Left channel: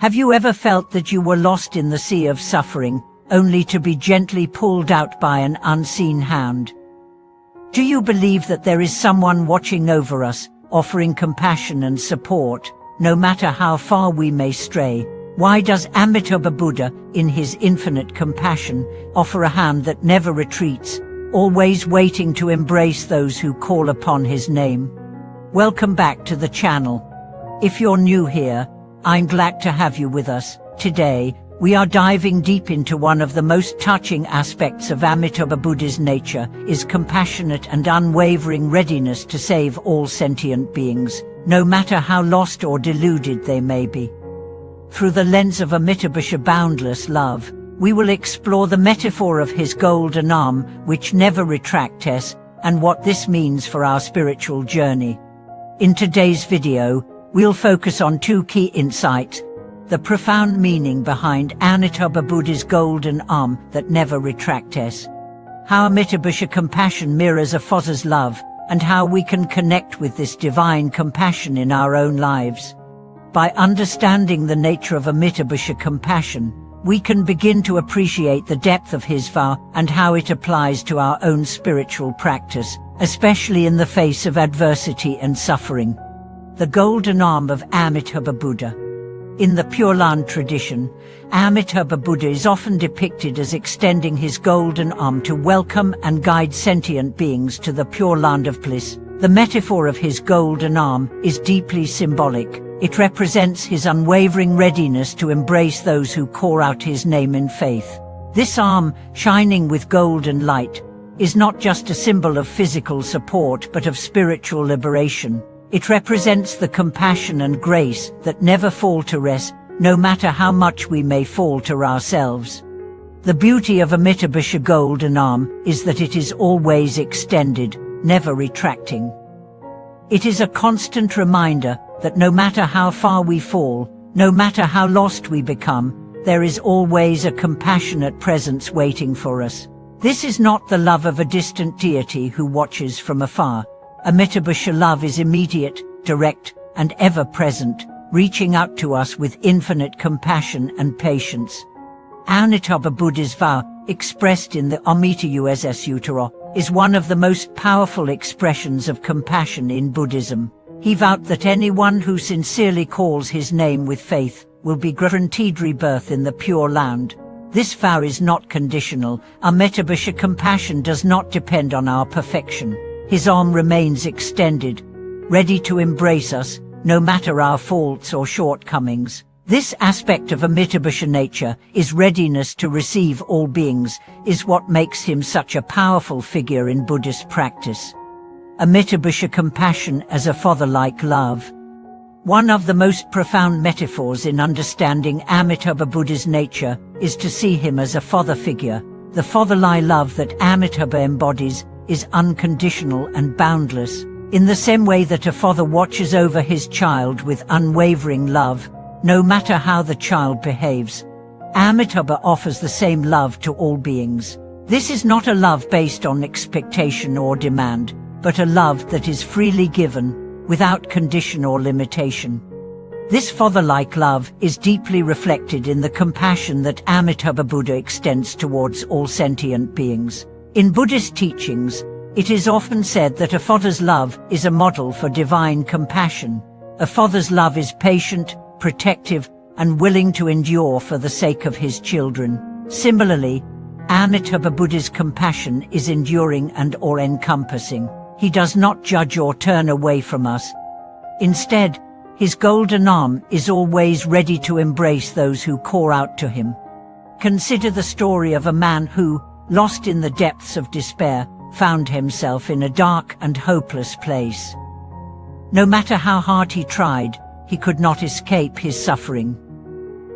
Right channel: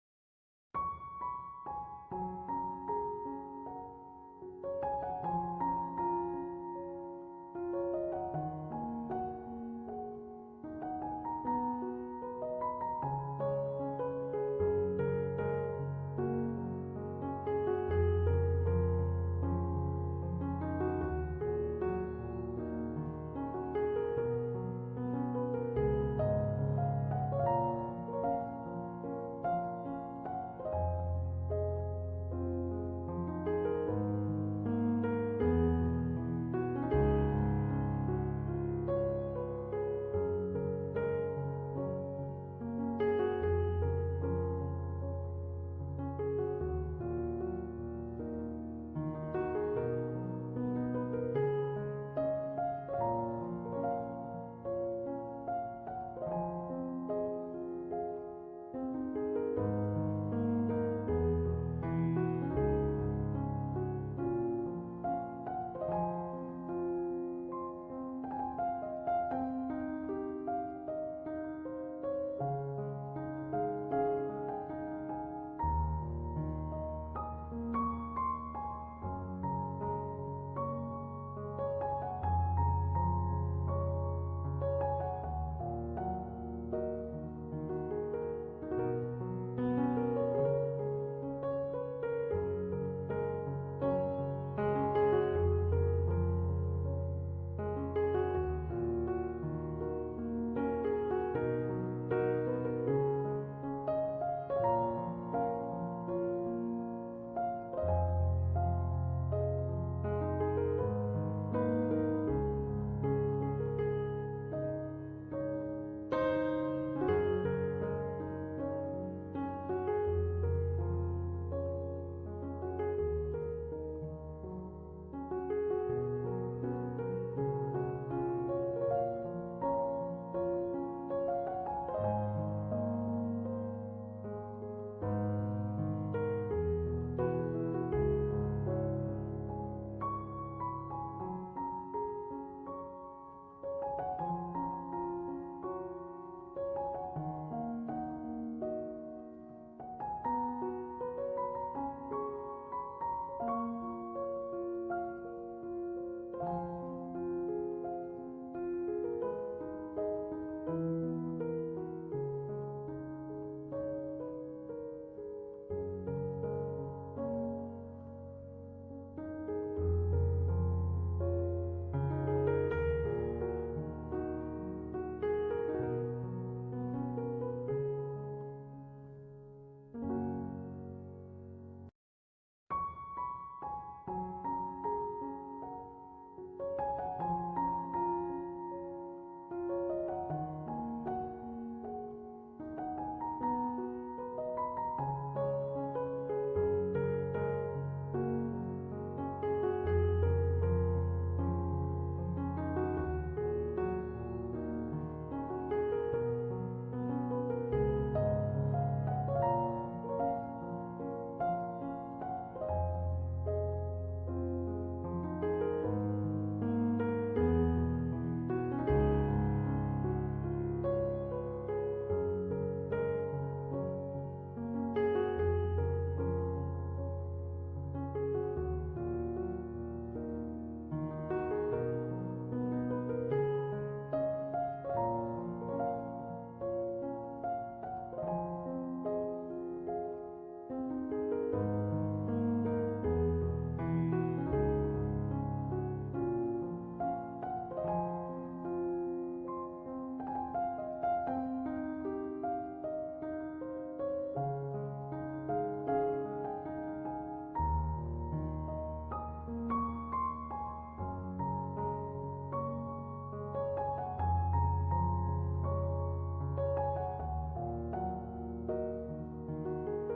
Have you ever felt that you were lost in the sea of suffering, only to be gently pulled out by an unseen hand? Do you believe that there is someone watching over us, offering compassion and support, no matter how far we may stray? Why does Amitabha Buddha, in his infinite compassion, offer a hand that never retreats, always waiting to embrace those who call upon his name? Welcome back to the channel. If you're new here, I'm glad to have you with us. Today, we are diving deep into one of the most touching aspects of Amitabha Buddha's nature, his compassionate and unwavering readiness to save all sentient beings, no matter how lost or deluded they may be. Through the lens of Amitabha's boundless love, we will explore the metaphor of his golden arm, which never retracts, and what this means for our spiritual journey. In today's video, we'll focus on two key insights: the profound meaning behind Amitabha Buddha's golden arm that never retracts, how Amitabha's compassion mirrors a father's love, and how we can connect with this divine compassion in our own lives. By understanding the nature of Amitabha's compassion, we can begin to appreciate the depth of his vow and how it applies to our own spiritual practice, especially in the face of adversity and suffering. The golden arm of Amitabha Buddha. In the Pure Land tradition, Amitabha Buddha is often depicted as extending his golden arm to welcome and guide sentient beings to the Pure Land of bliss. The metaphor of his golden arm is deeply symbolic. It represents his unwavering readiness to embrace those who call out his name in faith. This arm, shining with golden light, is not just a symbol of physical support but of spiritual liberation. It represents the compassion and grace that never falter us, no matter how much we may falter ourselves. The beauty of Amitabha's golden arm is that it is always extended, never retracting. It is a constant reminder that no matter how far we fall, no matter how lost we become, there is always a compassionate presence waiting for us. This is not the love of a distant deity who watches from afar. Amitabha's love is immediate, direct, and ever-present, reaching out to us with infinite compassion and patience. Amitabha Buddha's vow, expressed in the Amitabha Sutta, is one of the most powerful expressions of compassion in Buddhism. He vowed that anyone who sincerely calls his name with faith will be guaranteed rebirth in the Pure Land. This vow is not conditional. Amitabha's compassion does not depend on our perfection. His arm remains extended, ready to embrace us, no matter our faults or shortcomings. This aspect of Amitabha's nature, his readiness to receive all beings, is what makes him such a powerful figure in Buddhist practice. Amitabha's compassion as a father-like love. One of the most profound metaphors in understanding Amitabha Buddha's nature is to see him as a father figure. The fatherly love that Amitabha embodies is unconditional and boundless. In the same way that a father watches over his child with unwavering love, no matter how the child behaves, Amitabha offers the same love to all beings. This is not a love based on expectation or demand, but a love that is freely given, without condition or limitation. This father-like love is deeply reflected in the compassion that Amitabha Buddha extends towards all sentient beings. In Buddhist teachings, it is often said that a father's love is a model for divine compassion. A father's love is patient, protective, and willing to endure for the sake of his children. Similarly, Amitabha Buddha's compassion is enduring and all-encompassing. He does not judge or turn away from us. Instead, his golden arm is always ready to embrace those who call out to him. Consider the story of a man who, lost in the depths of despair, found himself in a dark and hopeless place. No matter how hard he tried, he could not escape his suffering.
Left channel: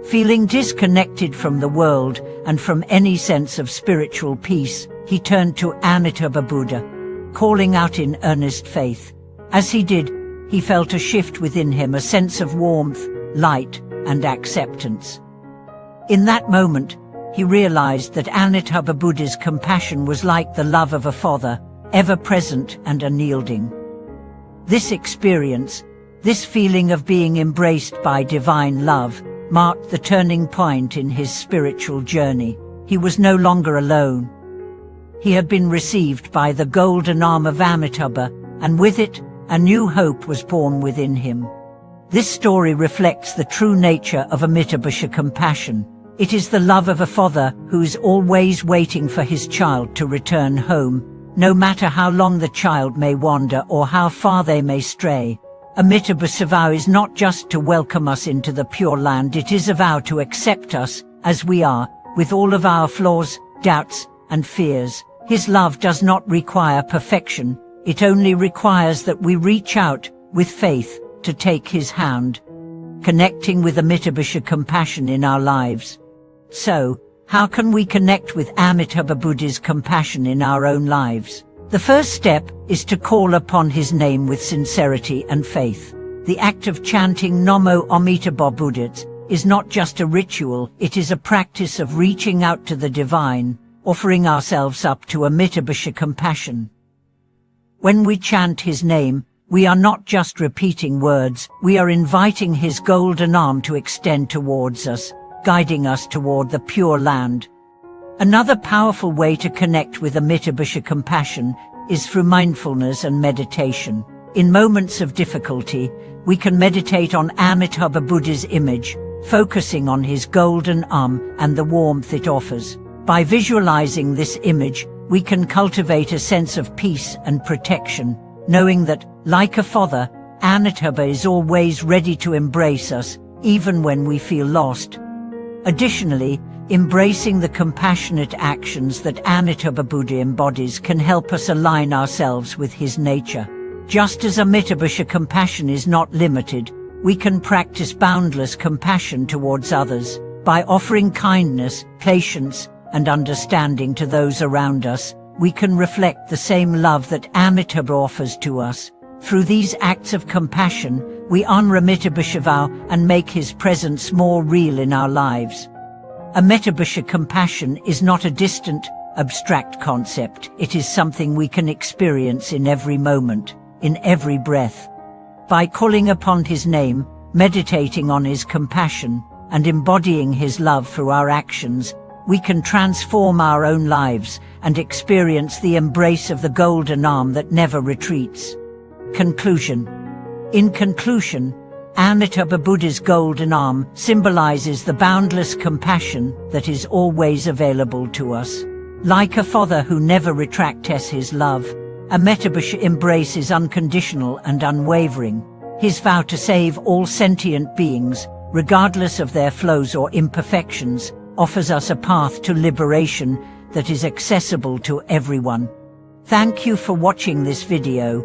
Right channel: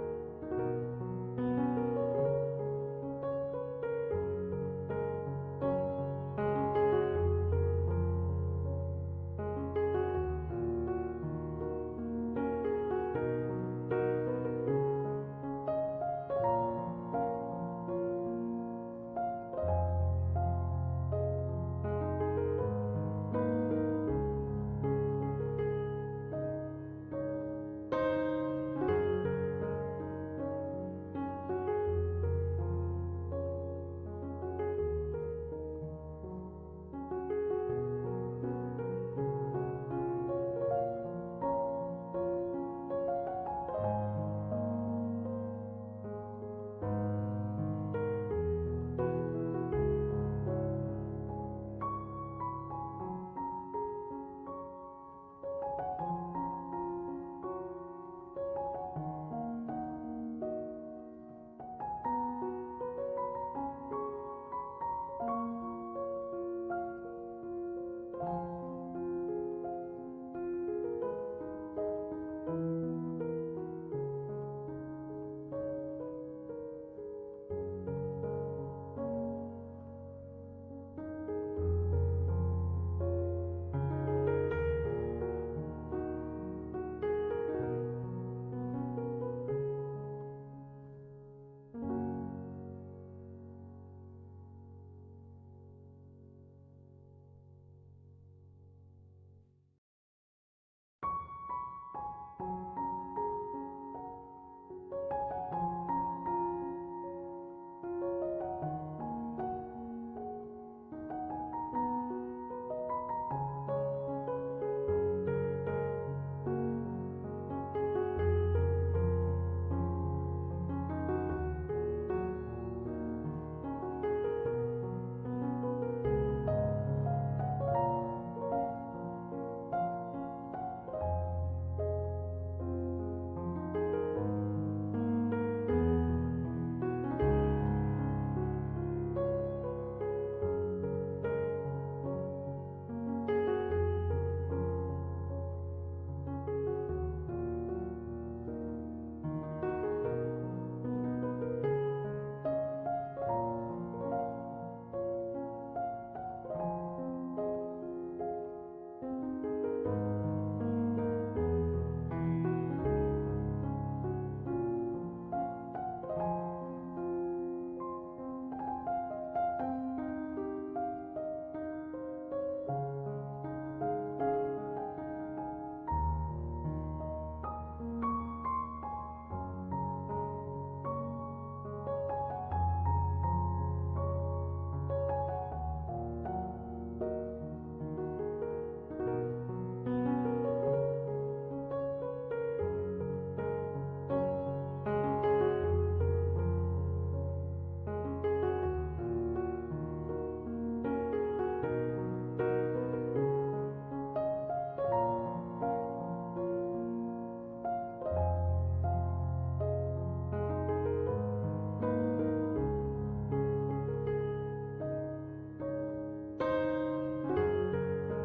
Feeling disconnected from the world and from any sense of spiritual peace, he turned to Amitabha Buddha, calling out in earnest faith. As he did, he felt a shift within him, a sense of warmth, light, and acceptance. In that moment, he realized that Amitabha Buddha's compassion was like the love of a father, ever-present and unyielding. This experience, this feeling of being embraced by divine love, marked the turning point in his spiritual journey. He was no longer alone. He had been received by the golden arm of Amitabha, and with it, a new hope was born within him. This story reflects the true nature of Amitabha compassion. It is the love of a father who is always waiting for his child to return home, no matter how long the child may wander or how far they may stray. Amitabha's vow is not just to welcome us into the Pure Land, it is a vow to accept us as we are, with all of our flaws, doubts, and fears. His love does not require perfection, it only requires that we reach out, with faith, to take his hand, connecting with Amitabha compassion in our lives. So, how can we connect with Amitabha Buddha's compassion in our own lives? The first step is to call upon his name with sincerity and faith. The act of chanting Namo Amitabha Buddha is not just a ritual, it is a practice of reaching out to the divine, offering ourselves up to Amitabha compassion. When we chant his name, we are not just repeating words, we are inviting his golden arm to extend towards us, guiding us toward the Pure Land. Another powerful way to connect with Amitabha compassion is through mindfulness and meditation. In moments of difficulty, we can meditate on Amitabha Buddha's image, focusing on his golden arm and the warmth it offers. By visualizing this image, we can cultivate a sense of peace and protection, knowing that, like a father, Amitabha is always ready to embrace us, even when we feel lost. Additionally, embracing the compassionate actions that Amitabha Buddha embodies can help us align ourselves with his nature. Just as Amitabha compassion is not limited, we can practice boundless compassion towards others. By offering kindness, patience, and understanding to those around us, we can reflect the same love that Amitabha offers to us. Through these acts of compassion, we honor Amitabha vow and make his presence more real in our lives. Amitabha compassion is not a distant, abstract concept. It is something we can experience in every moment, in every breath. By calling upon his name, meditating on his compassion, and embodying his love through our actions, we can transform our own lives and experience the embrace of the golden arm that never retreats. Conclusion. In conclusion, Amitabha Buddha's golden arm symbolizes the boundless compassion that is always available to us. Like a father who never retracts his love, Amitabha embraces unconditional and unwavering. His vow to save all sentient beings, regardless of their flaws or imperfections, offers us a path to liberation that is accessible to everyone. Thank you for watching this video.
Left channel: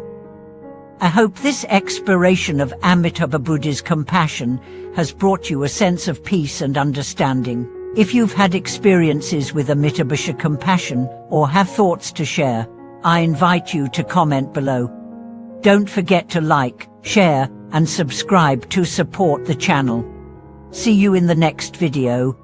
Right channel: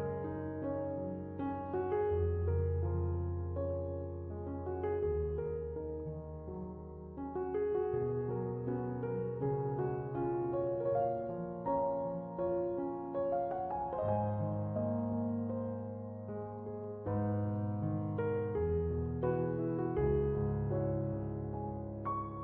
I hope this exploration of Amitabha Buddha's compassion has brought you a sense of peace and understanding. If you've had experiences with Amitabha compassion or have thoughts to share, I invite you to comment below. Don't forget to like, share, and subscribe to support the channel. See you in the next video.